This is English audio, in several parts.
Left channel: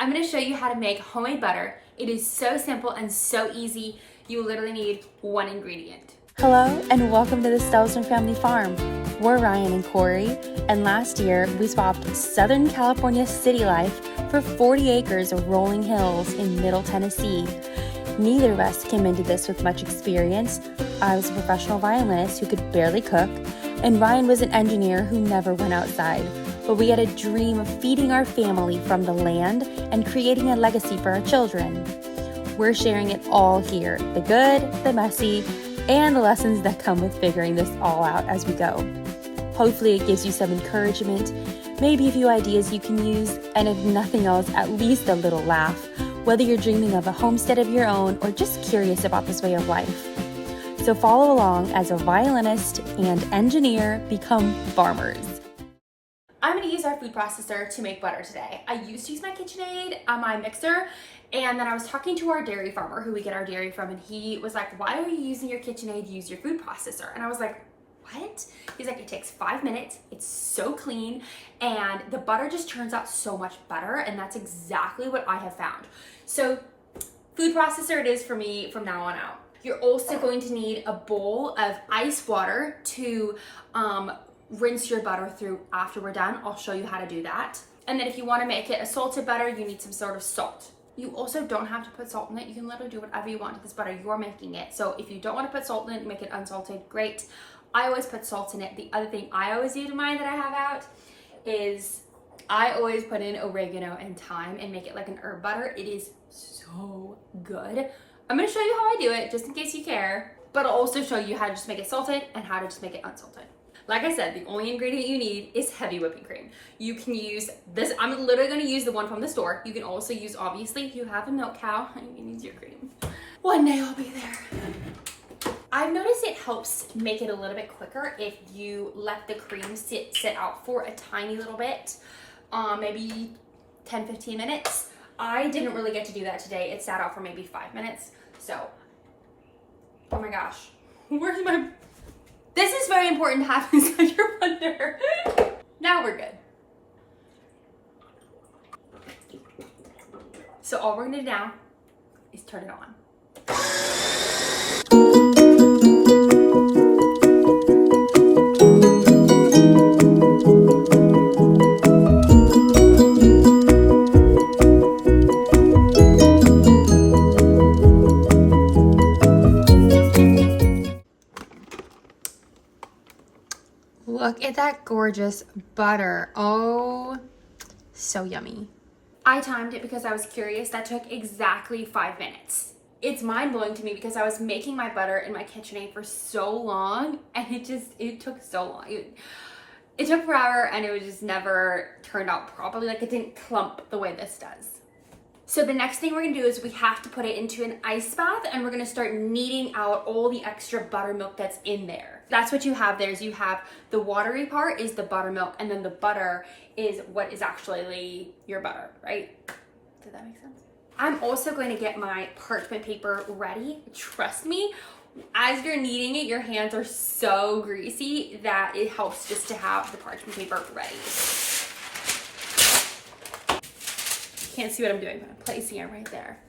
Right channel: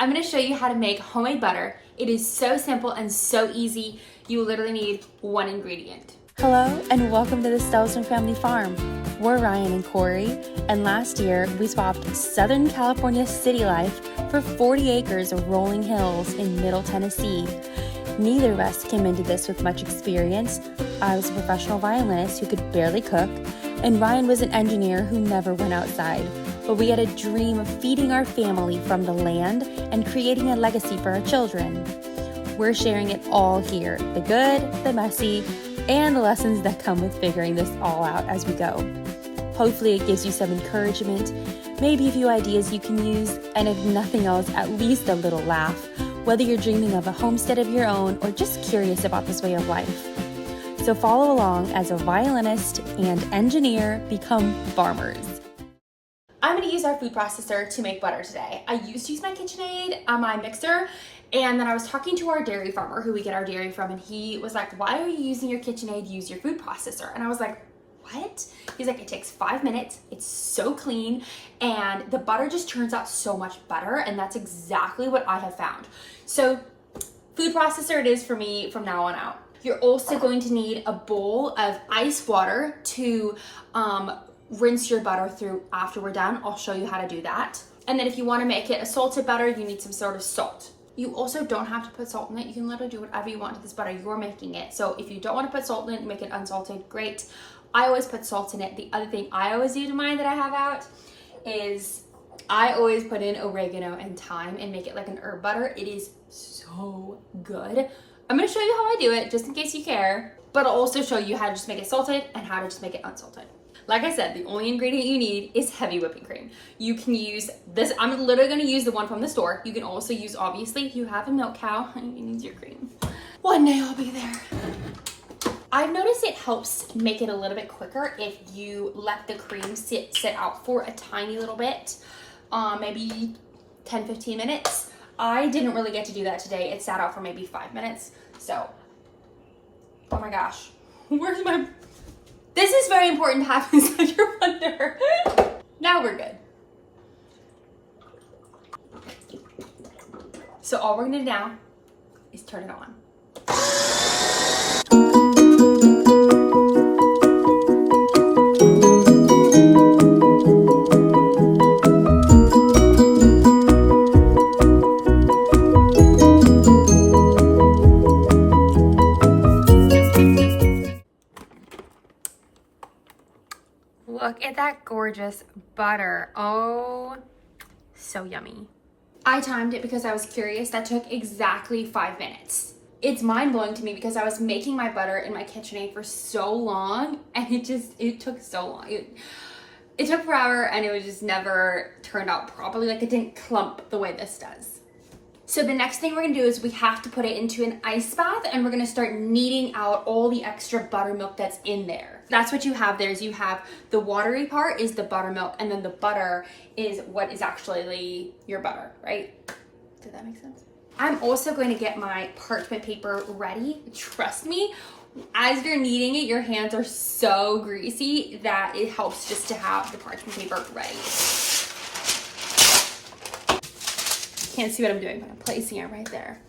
I'm gonna show you how to make homemade butter. It is so simple and so easy. You literally need one ingredient. Hello and welcome to the Stelzner Family Farm. We're Ryan and Corey, and last year we swapped Southern California city life for 40 acres of rolling hills in Middle Tennessee. Neither of us came into this with much experience. I was a professional violinist who could barely cook, and Ryan was an engineer who never went outside. But we had a dream of feeding our family from the land and creating a legacy for our children. We're sharing it all here, the good, the messy, and the lessons that come with figuring this all out as we go. Hopefully it gives you some encouragement, maybe a few ideas you can use, and if nothing else, at least a little laugh, whether you're dreaming of a homestead of your own or just curious about this way of life. So follow along as a violinist and engineer become farmers. I'm gonna use our food processor to make butter today. I used to use my KitchenAid on my mixer, and then I was talking to our dairy farmer who we get our dairy from, and he was like, why are you using your KitchenAid? Use your food processor. And I was like, what? He's like, it takes 5 minutes, it's so clean, and the butter just turns out so much better, and that's exactly what I have found. So food processor it is for me from now on out. You're also going to need a bowl of ice water to rinse your butter through after we're done. I'll show you how to do that. And then if you want to make it a salted butter, you need some sort of salt. You also don't have to put salt in it. You can literally do whatever you want to this butter. You're making it. So if you don't want to put salt in it, make it unsalted, great. I always put salt in it. The other thing I always do to mine that I have out is I always put in oregano and thyme and make it like an herb butter. It is so good. I'm going to show you how I do it just in case you care, but I'll also show you how to just make it salted and how to just make it unsalted. Like I said, the only ingredient you need is heavy whipping cream. You can use this. I'm literally going to use the one from the store. You can also use, obviously, if you have a milk cow, you can use your cream. One day I'll be there. I've noticed it helps make it a little bit quicker if you let the cream sit out for a tiny little bit, maybe 10-15 minutes. I didn't really get to do that today. It sat out for maybe 5 minutes. So, oh my gosh, where's my... This is very important to have inside your blender. Now we're good. So all we're gonna do now is turn it on. Look at that gorgeous butter. Oh, so yummy. I timed it because I was curious. That took exactly 5 minutes. It's mind-blowing to me because I was making my butter in my KitchenAid for so long, and it took so long. It took forever, and it was just never turned out properly. Like, it didn't clump the way this does. So the next thing we're gonna do is we have to put it into an ice bath, and we're gonna start kneading out all the extra buttermilk that's in there. That's what you have there, is you have the watery part is the buttermilk, and then the butter is what is actually your butter, right? Did that make sense? I'm also going to get my parchment paper ready. Trust me, as you're kneading it, your hands are so greasy that it helps just to have the parchment paper ready. Can't see what I'm doing, but I'm placing it right there.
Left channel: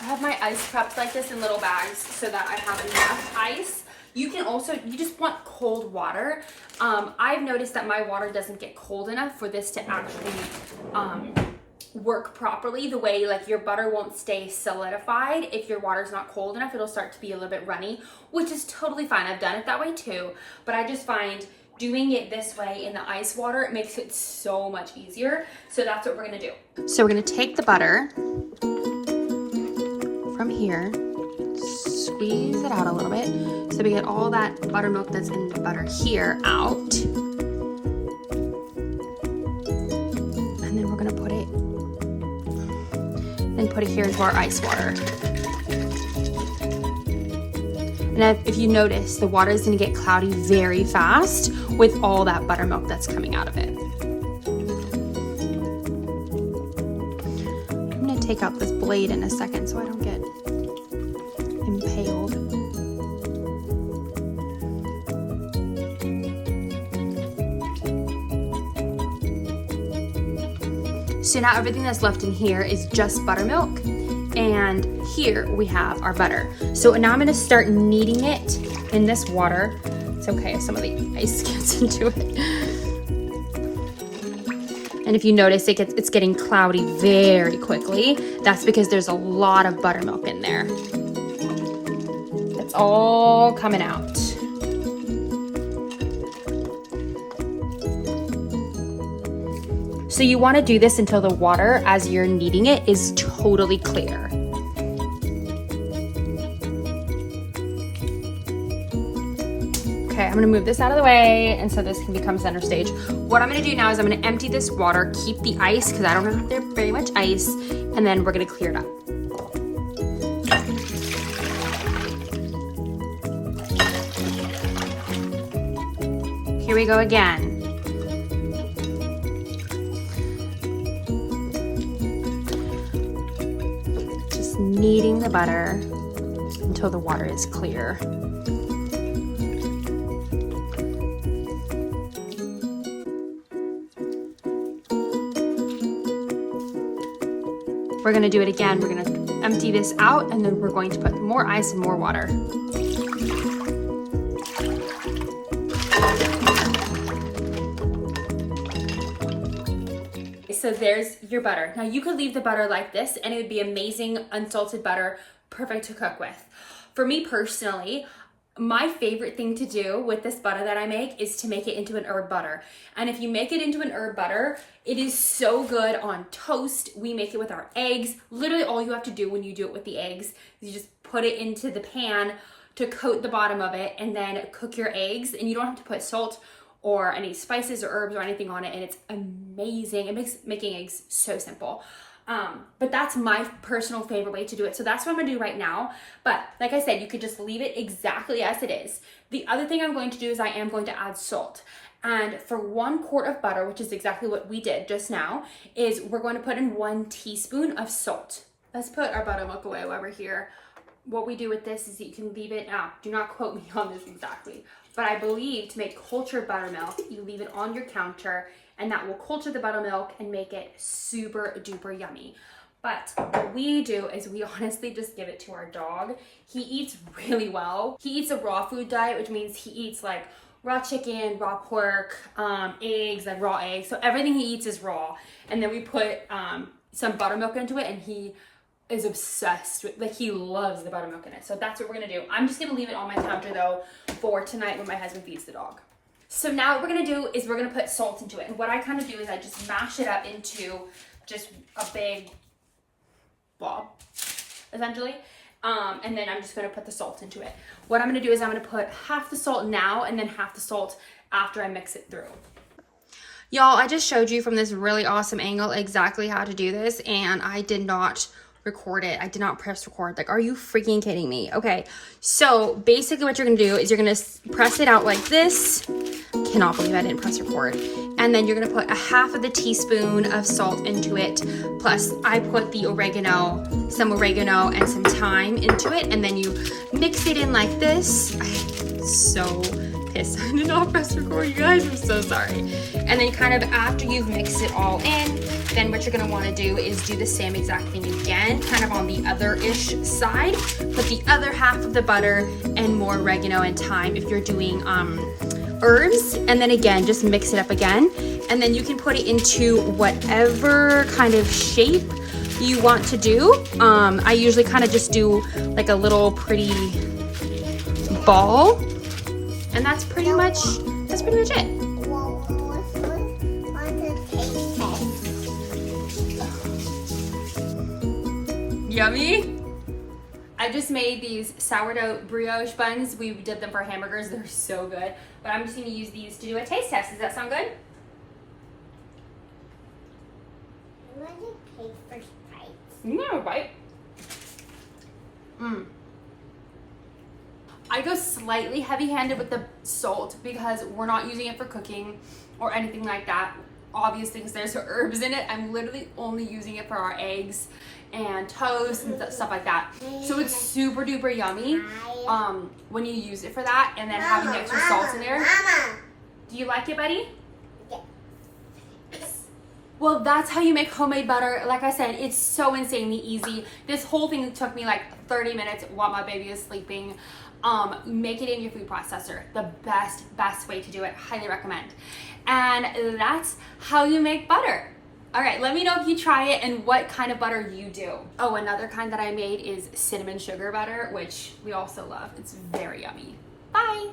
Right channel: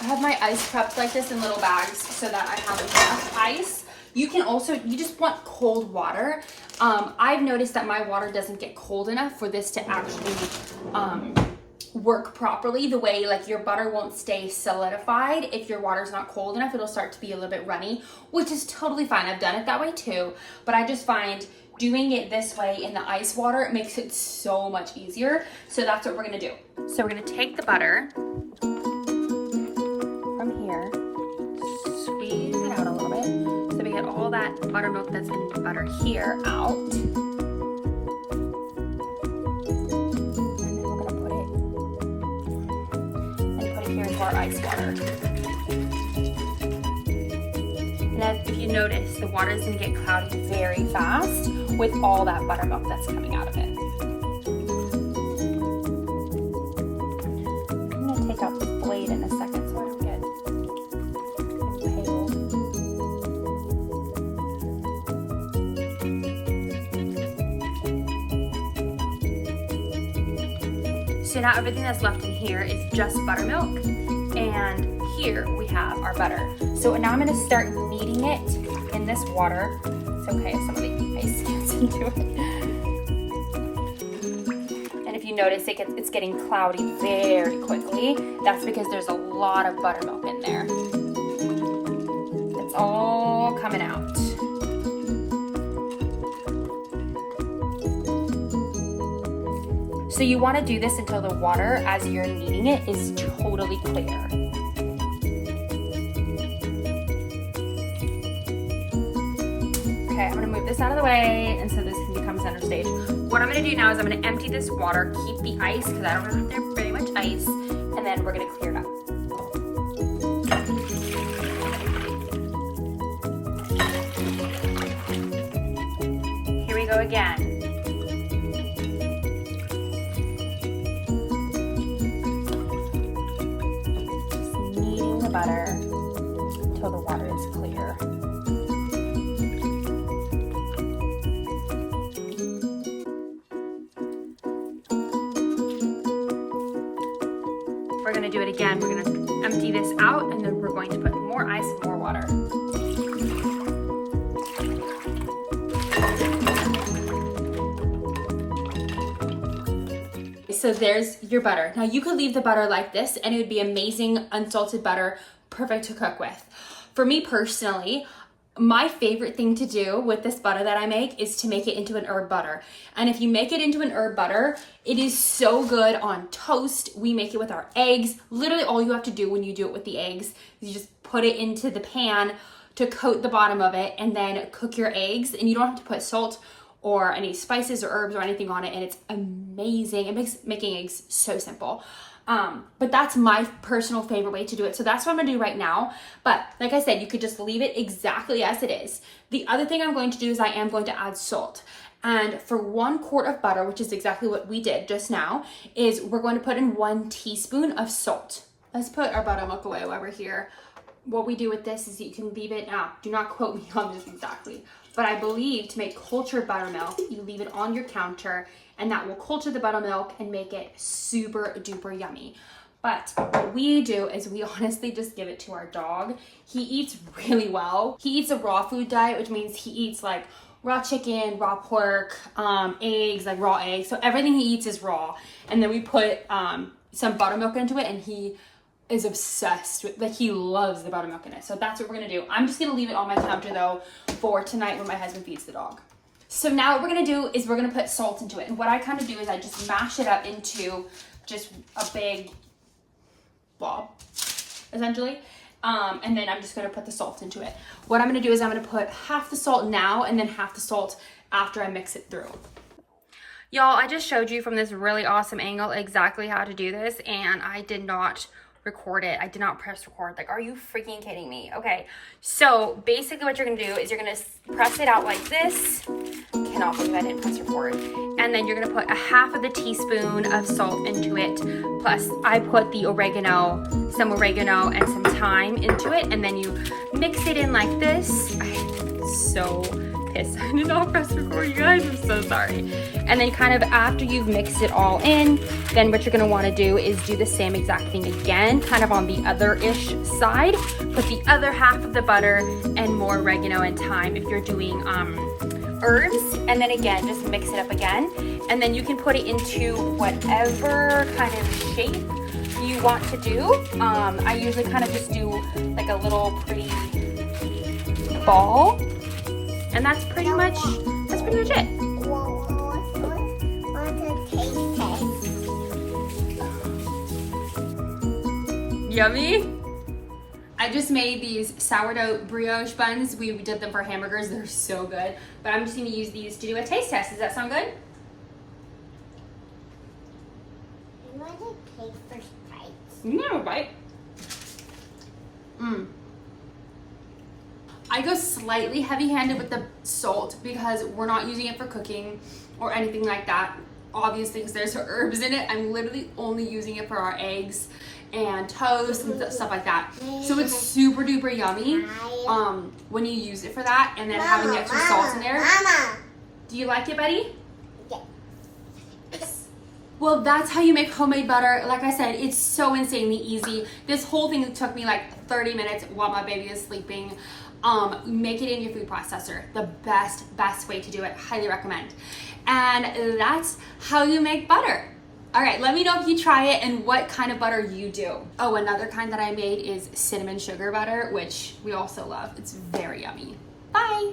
I have my ice prepped like this in little bags so that I have enough ice. You can also, you just want cold water. I've noticed that my water doesn't get cold enough for this to actually work properly. The way like your butter won't stay solidified. If your water's not cold enough, it'll start to be a little bit runny, which is totally fine. I've done it that way too, but I just find doing it this way in the ice water, it makes it so much easier. So that's what we're gonna do. So we're gonna take the butter from here, squeeze it out a little bit, so we get all that buttermilk that's in the butter here out. And then we're gonna put it here into our ice water. And if you notice, the water is gonna get cloudy very fast with all that buttermilk that's coming out of it. I'm gonna take out this blade in a second so I don't get impaled. So now everything that's left in here is just buttermilk, and here we have our butter. So now I'm gonna start kneading it in this water. It's okay if some of the ice gets into it. And if you notice, it's getting cloudy very quickly. That's because there's a lot of buttermilk in there. It's all coming out. So you want to do this until the water, as you're kneading it, is totally clear. Okay, I'm gonna move this out of the way, and so this can become center stage. What I'm gonna do now is I'm gonna empty this water, keep the ice, because I don't have there very much ice, and then we're gonna clear it up. Here we go again. Just kneading the butter until the water is clear. We're gonna do it again. We're gonna empty this out, and then we're going to put more ice and more water. So there's your butter. Now you could leave the butter like this and it would be amazing unsalted butter, perfect to cook with. For me personally, my favorite thing to do with this butter that I make is to make it into an herb butter. And if you make it into an herb butter, it is so good on toast. We make it with our eggs. Literally all you have to do when you do it with the eggs is you just put it into the pan to coat the bottom of it and then cook your eggs. And you don't have to put salt or any spices or herbs or anything on it, and it's amazing. It makes making eggs so simple. But that's my personal favorite way to do it. So that's what I'm gonna do right now. But like I said, you could just leave it exactly as it is. The other thing I'm going to do is I am going to add salt. And for 1 quart of butter, which is exactly what we did just now, is we're going to put in 1 teaspoon of salt. Let's put our buttermilk away while we're here. What we do with this is you can leave it, do not quote me on this exactly, but I believe to make cultured buttermilk, you leave it on your counter and that will culture the buttermilk and make it super duper yummy. But what we do is we honestly just give it to our dog. He eats really well. He eats a raw food diet, which means he eats like raw chicken, raw pork, eggs, like raw eggs. So everything he eats is raw. And then we put some buttermilk into it and he is obsessed with, like he loves the buttermilk in it. So that's what we're gonna do. I'm just gonna leave it on my counter though for tonight when my husband feeds the dog. So now what we're gonna do is we're gonna put salt into it. And what I kind of do is I just mash it up into just a big blob, essentially. And then I'm just gonna put the salt into it. What I'm gonna do is I'm gonna put half the salt now and then half the salt after I mix it through. Y'all, I just showed you from this really awesome angle exactly how to do this, and I did not record it. I did not press record. Like, are you freaking kidding me? Okay, so basically what you're gonna do is you're gonna press it out like this. Cannot believe I didn't press record. And then you're gonna put a half of the teaspoon of salt into it. Plus I put the oregano, some oregano and some thyme into it. And then you mix it in like this. I'm so pissed I did not press record, you guys. I'm so sorry. And then kind of after you've mixed it all in, then what you're gonna wanna do is do the same exact thing again, kind of on the other-ish side. Put the other half of the butter and more oregano and thyme if you're doing herbs, and then again just mix it up again, and then you can put it into whatever kind of shape you want to do. I usually kind of just do like a little pretty ball, and that's pretty much it. Yummy. I just made these sourdough brioche buns. We did them for hamburgers. They're so good. But I'm just going to use these to do a taste test. Does that sound good? I want to take first bite. You can have a bite. I go slightly heavy-handed with the salt because we're not using it for cooking or anything like that. Obviously, because there's herbs in it. I'm literally only using it for our eggs and toast and stuff like that. So it's super duper yummy when you use it for that, and then having the extra salt in there. Mama. Do you like it, buddy? Yes. Well, that's how you make homemade butter. Like I said, it's so insanely easy. This whole thing took me like 30 minutes while my baby is sleeping. Make it in your food processor. The best way to do it. Highly recommend. And that's how you make butter. All right, let me know if you try it and what kind of butter you do. Oh, another kind that I made is cinnamon sugar butter, which we also love. It's very yummy. Bye.